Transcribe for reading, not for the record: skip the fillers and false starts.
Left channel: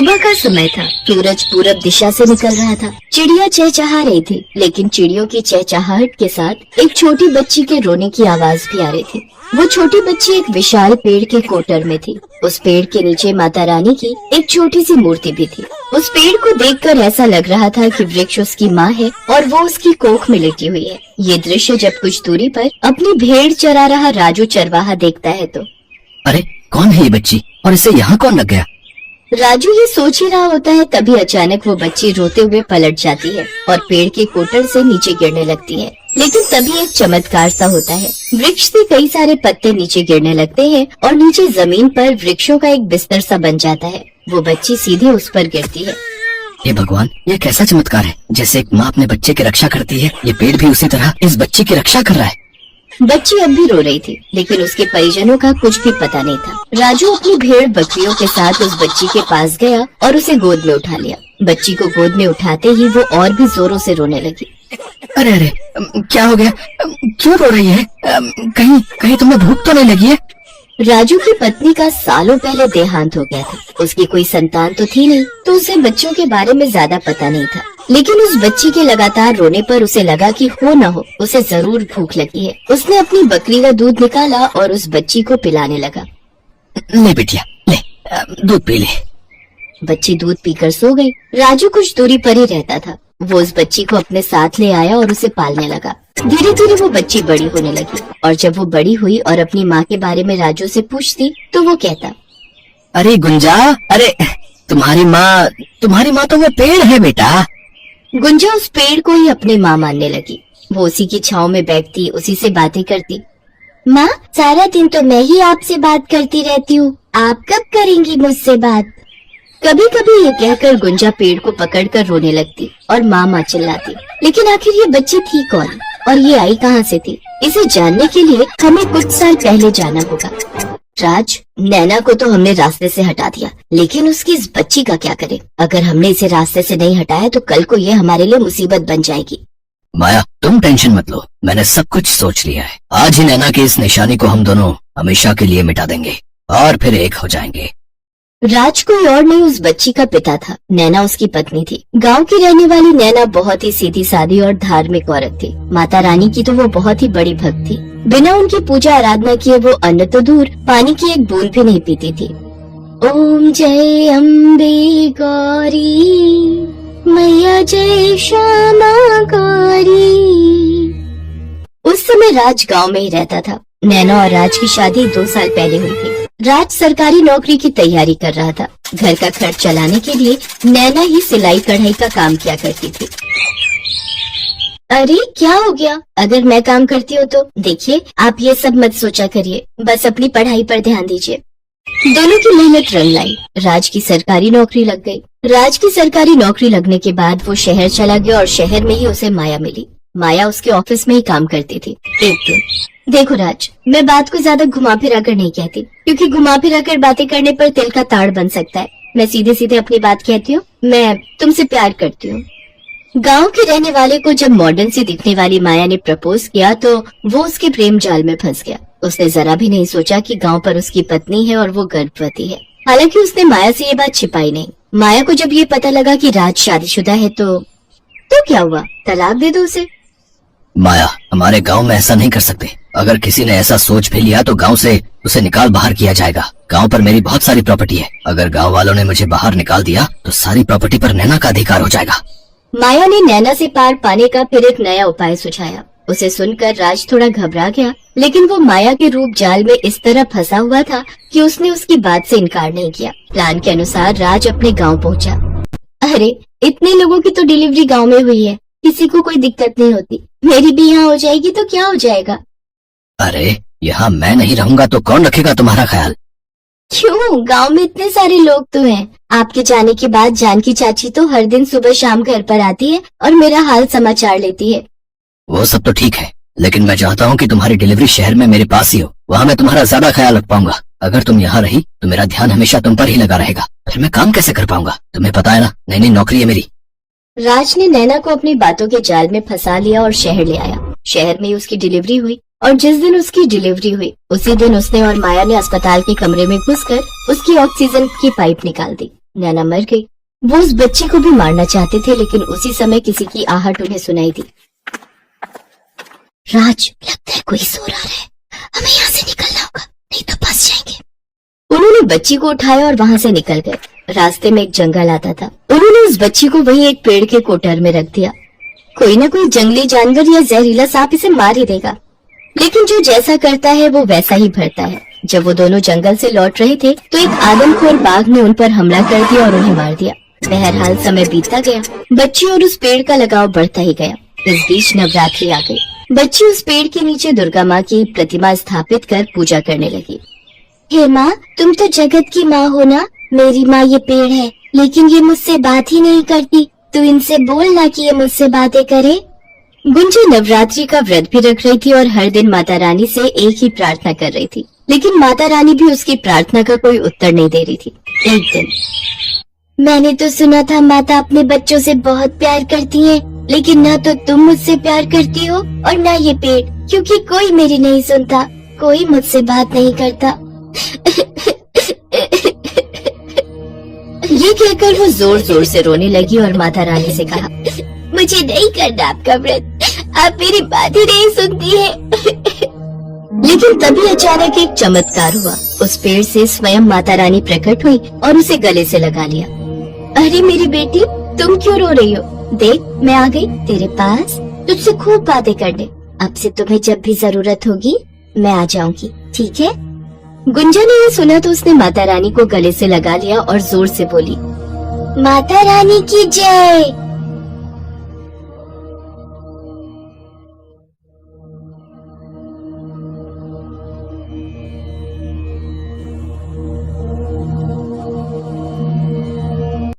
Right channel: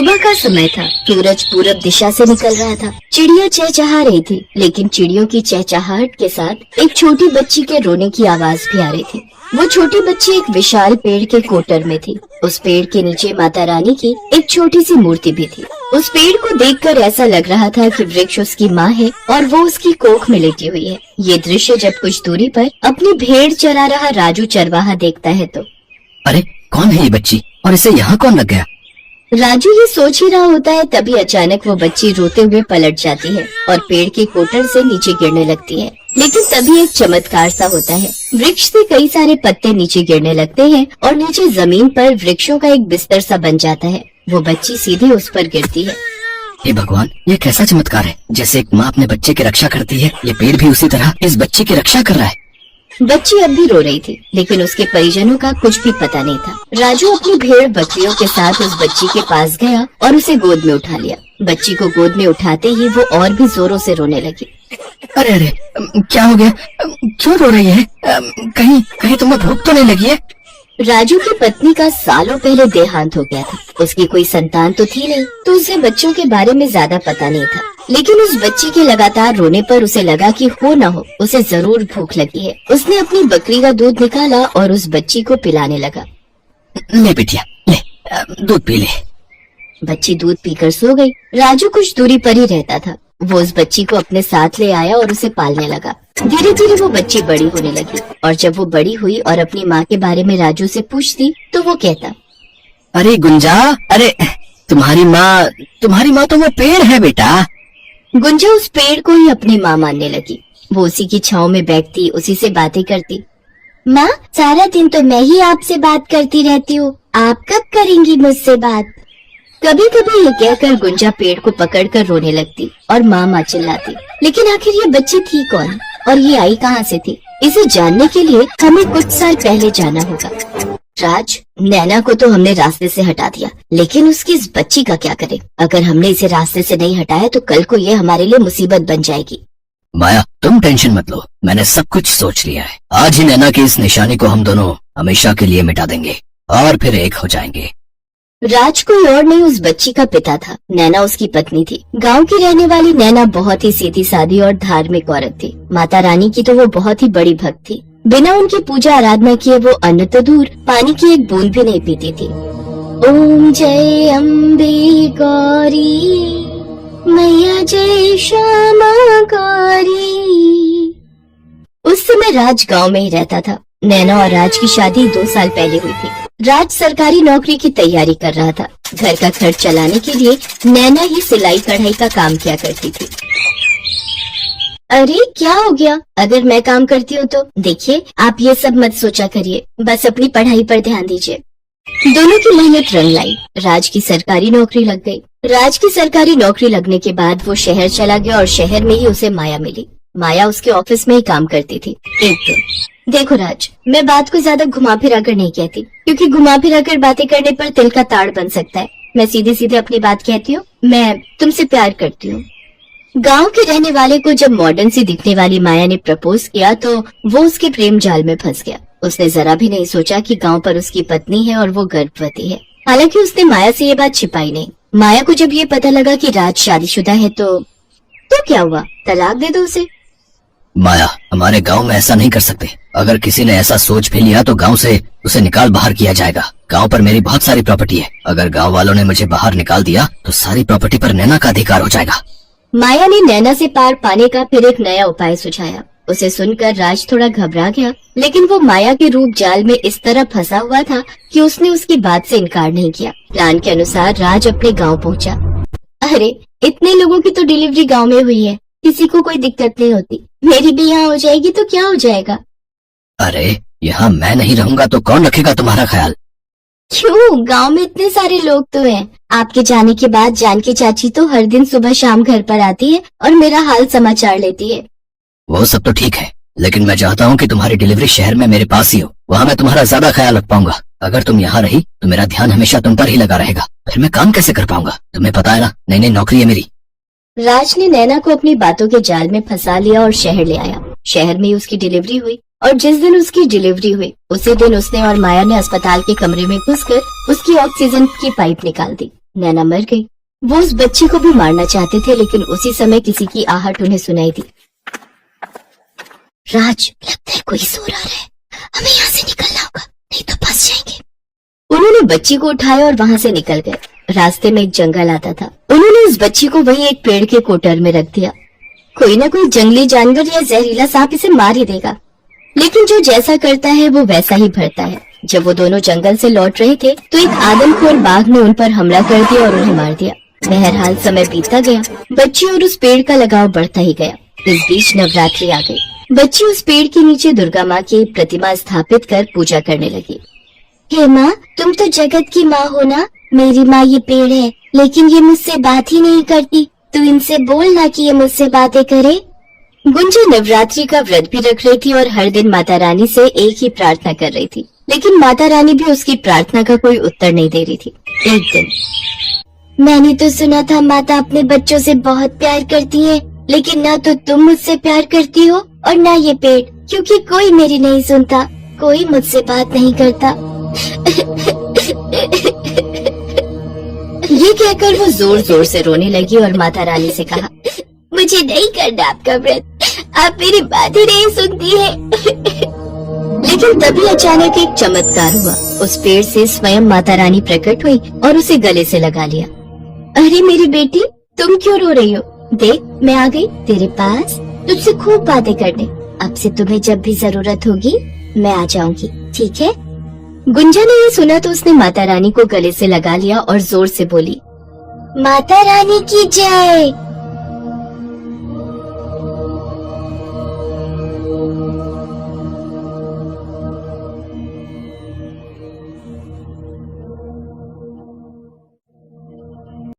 सुबह का समय था। सूरज पूरब दिशा से निकल रहा था। चिड़िया चहचहा रही थी, लेकिन चिड़ियों की चहचहाहट के साथ एक छोटी बच्ची के रोने की आवाज भी आ रही थी। वो छोटी बच्ची एक विशाल पेड़ के कोटर में थी। उस पेड़ के नीचे माता रानी की एक छोटी सी मूर्ति भी थी। उस पेड़ को देखकर ऐसा लग रहा था कि वृक्ष उसकी माँ है और वो उसकी कोख में लेटी हुई है। ये दृश्य जब कुछ दूरी पर अपनी भेड़ चरा रहा राजू चरवाहा देखता है तो अरे कौन है ये बच्ची और इसे यहाँ कौन लग गया? राजू ये सोच ही रहा होता है, तभी अचानक वो बच्ची रोते हुए पलट जाती है और पेड़ के कोटर से नीचे गिरने लगती है। लेकिन तभी एक चमत्कार सा होता है। वृक्ष से कई सारे पत्ते नीचे गिरने लगते हैं और नीचे जमीन पर वृक्षों का एक बिस्तर सा बन जाता है। वो बच्ची सीधे उस पर गिरती है। हे भगवान, ये कैसा चमत्कार है? जैसे एक माँ अपने बच्चे की रक्षा करती है, ये पेड़ भी उसी तरह इस बच्चे की रक्षा कर रहा है। बच्ची अब भी रो रही थी, लेकिन उसके परिजनों का कुछ भी पता नहीं था। राजू अपनी भेड़ बकरियों के साथ उस बच्ची के पास गया और उसे गोद में उठा लिया। बच्ची को गोद में उठाते ही वो और भी जोरों से रोने लगी। अरे अरे, क्या हो गया? क्यों रो रही है? कहीं कहीं तुम्हें भूख तो नहीं लगी है? राजू की पत्नी का सालों पहले देहांत हो गया था। उसकी कोई संतान तो थी नहीं, तो उसे बच्चों के बारे में ज्यादा पता नहीं था। लेकिन उस बच्ची के लगातार रोने पर उसे लगा कि हो न हो उसे जरूर भूख लगी है। उसने अपनी बकरी का दूध निकाला और उस बच्ची को पिलाने लगा। ले बिटिया, ले दूध पी ले। बच्ची दूध पीकर सो गई। राजू कुछ दूरी पर ही रहता था। वो उस बच्ची को अपने साथ ले आया और उसे पालने लगा। धीरे धीरे वो बच्ची बड़ी होने लगी और जब वो बड़ी हुई और अपनी माँ के बारे में राजू से पूछती तो वो कहता, अरे गुंजा, अरे तुम्हारी माँ तो वो पेड़ है बेटा। गुंजा उस पेड़ को ही अपनी माँ मानने लगी। वो उसी की छांव में बैठती, उसी से बातें करती। माँ, सारा दिन तो मैं ही आपसे बात करती रहती हूँ, आप कब करेंगी मुझसे बात? कभी कभी ये कहकर गुंजा पेड़ को पकड़कर रोने लगती और माँ चिल्लाती। लेकिन आखिर ये बच्ची थी कौन और ये आई कहाँ से थी? इसे जानने के लिए हमें कुछ साल पहले जाना होगा। राज, नैना को तो हमने रास्ते से हटा दिया, लेकिन उसकी इस बच्ची का क्या करें? अगर हमने इसे रास्ते से नहीं हटाया तो कल को ये हमारे लिए मुसीबत बन जाएगी। माया, तुम टेंशन मत लो, मैंने सब कुछ सोच लिया है। आज ही नैना की इस निशानी को हम दोनों हमेशा के लिए मिटा देंगे और फिर एक हो जाएंगे। राज कोई और नहीं उस बच्ची का पिता था। नैना उसकी पत्नी थी। गांव की रहने वाली नैना बहुत ही सीधी सादी और धार्मिक औरत थी। माता रानी की तो वो बहुत ही बड़ी भक्त थी। बिना उनकी पूजा आराधना किए वो अन्न तो दूर, पानी की एक बूंद भी नहीं पीती थी। ओम जय अम्बे गौरी मैया जय श्यामा गौरी। उस समय राज गांव में ही रहता था। नैना और राज की शादी 2 साल पहले हुई थी। राज सरकारी नौकरी की तैयारी कर रहा था। घर का खर्च चलाने के लिए नैना ही सिलाई कढ़ाई का काम किया करती थी। अरे क्या हो गया? अगर मैं काम करती हूँ तो देखिए, आप ये सब मत सोचा करिए, बस अपनी पढ़ाई पर ध्यान दीजिए। दोनों की मेहनत रंग लाई। राज की सरकारी नौकरी लग गई। राज की सरकारी नौकरी लगने के बाद वो शहर चला गया और शहर में ही उसे माया मिली। माया उसके ऑफिस में ही काम करती थी। एक दिन, देखो राज, मैं बात को ज्यादा घुमा फिरा कर नहीं कहती, क्योंकि घुमा फिरा कर बातें करने पर तिल का ताड़ बन सकता है। मैं सीधे सीधे अपनी बात कहती हूँ, मैं तुमसे प्यार करती हूँ। गांव के रहने वाले को जब मॉडर्न सी दिखने वाली माया ने प्रपोज किया तो वो उसके प्रेम जाल में फंस गया। उसने जरा भी नहीं सोचा कि गांव पर उसकी पत्नी है और वो गर्भवती है। हालांकि उसने माया से ये बात छिपाई नहीं। माया को जब ये पता लगा कि राज शादीशुदा है तो क्या हुआ? तलाक दे दो उसे। माया, हमारे गांव में ऐसा नहीं कर सकते। अगर किसी ने ऐसा सोच भी लिया तो गांव से उसे निकाल बाहर किया जाएगा। गांव पर मेरी बहुत सारी प्रॉपर्टी है। अगर गांव वालों ने मुझे बाहर निकाल दिया तो सारी प्रॉपर्टी पर नैना का अधिकार हो जाएगा। माया ने नैना से पार पाने का फिर एक नया उपाय सुझाया। उसे सुनकर राज थोड़ा घबरा गया, लेकिन वो माया के रूप जाल में इस तरह फंसा हुआ था कि उसने उसकी बात से इनकार नहीं किया। प्लान के अनुसार राज अपने गांव पहुंचा। अरे, इतने लोगों की तो डिलीवरी गांव में हुई है, किसी को कोई दिक्कत नहीं होती। मेरी भी यहाँ हो जाएगी तो क्या हो जाएगा? अरे, यहाँ मैं नहीं रहूंगा तो कौन रखेगा तुम्हारा ख्याल? क्यों? गांव में इतने सारे लोग तो हैं। आपके जाने के बाद जानकी चाची तो हर दिन सुबह शाम घर पर आती है और मेरा हाल समाचार लेती है। वो सब तो ठीक है, लेकिन मैं चाहता हूँ कि तुम्हारी डिलीवरी शहर में मेरे पास ही हो। वहाँ मैं तुम्हारा ज्यादा ख्याल रख पाऊंगा। अगर तुम यहाँ रही तो मेरा ध्यान हमेशा तुम पर ही लगा रहेगा। फिर मैं काम कैसे कर पाऊंगा? तुम्हें पता है ना, नई नई नौकरी है मेरी। राज ने नैना को अपनी बातों के जाल में फंसा लिया और शहर ले आया। शहर में उसकी डिलीवरी हुई और जिस दिन उसकी डिलीवरी हुई उसी दिन उसने और माया ने अस्पताल के कमरे में घुसकर उसकी ऑक्सीजन की पाइप निकाल दी। नैना मर गई। वो उस बच्ची को भी मारना चाहते थे, लेकिन उसी समय किसी की आहट उन्हें सुनाई दी। राज, लगता है कोई सो रहा है, हमें यहाँ से निकलना होगा, नहीं तो फंस जाएंगे। उन्होंने बच्ची को उठाया और वहाँ से निकल गए। रास्ते में एक जंगल आता था। उन्होंने उस बच्ची को वहीं एक पेड़ के कोटर में रख दिया। कोई ना कोई जंगली जानवर या जहरीला सांप इसे मार ही देगा, लेकिन जो जैसा करता है वो वैसा ही भरता है। जब वो दोनों जंगल से लौट रहे थे तो एक आदमखोर बाघ ने उन पर हमला कर दिया और उन्हें मार दिया। बहरहाल समय बीतता गया, बच्ची और उस पेड़ का लगाव बढ़ता ही गया। इस बीच नवरात्रि आ गई। बच्ची उस पेड़ के नीचे दुर्गा माँ की प्रतिमा स्थापित कर पूजा करने लगी। हे माँ, तुम तो जगत की माँ हो ना। मेरी माँ ये पेड़ है, लेकिन ये मुझसे बात ही नहीं करती। तू इनसे बोलना कि ये मुझसे बातें करे। गुंजा नवरात्रि का व्रत भी रख रही थी और हर दिन माता रानी से एक ही प्रार्थना कर रही थी, लेकिन माता रानी भी उसकी प्रार्थना का कोई उत्तर नहीं दे रही थी। एक दिन, मैंने तो सुना था माता अपने बच्चों से बहुत प्यार करती है, लेकिन ना तो तुम मुझसे प्यार करती हो और ना ये पेड़, क्योंकि कोई मेरी नहीं सुनता, कोई मुझसे बात नहीं करता। ये कहकर वो जोर जोर से रोने लगी और माता रानी से कहा, मुझे नहीं करना आपका व्रत, आप मेरी बातें नहीं सुनती है। लेकिन तभी अचानक एक चमत्कार हुआ। उस पेड़ से स्वयं माता रानी प्रकट हुई और उसे गले से लगा लिया। अरे मेरी बेटी, तुम क्यों रो रही हो? देख, मैं आ गई तेरे पास तुझसे खूब बातें करने। अब से तुम्हें जब भी जरूरत होगी मैं आ जाऊंगी, ठीक है? गुंजा ने यह सुना तो उसने माता रानी को गले से लगा लिया और जोर से बोली, माता रानी की जय।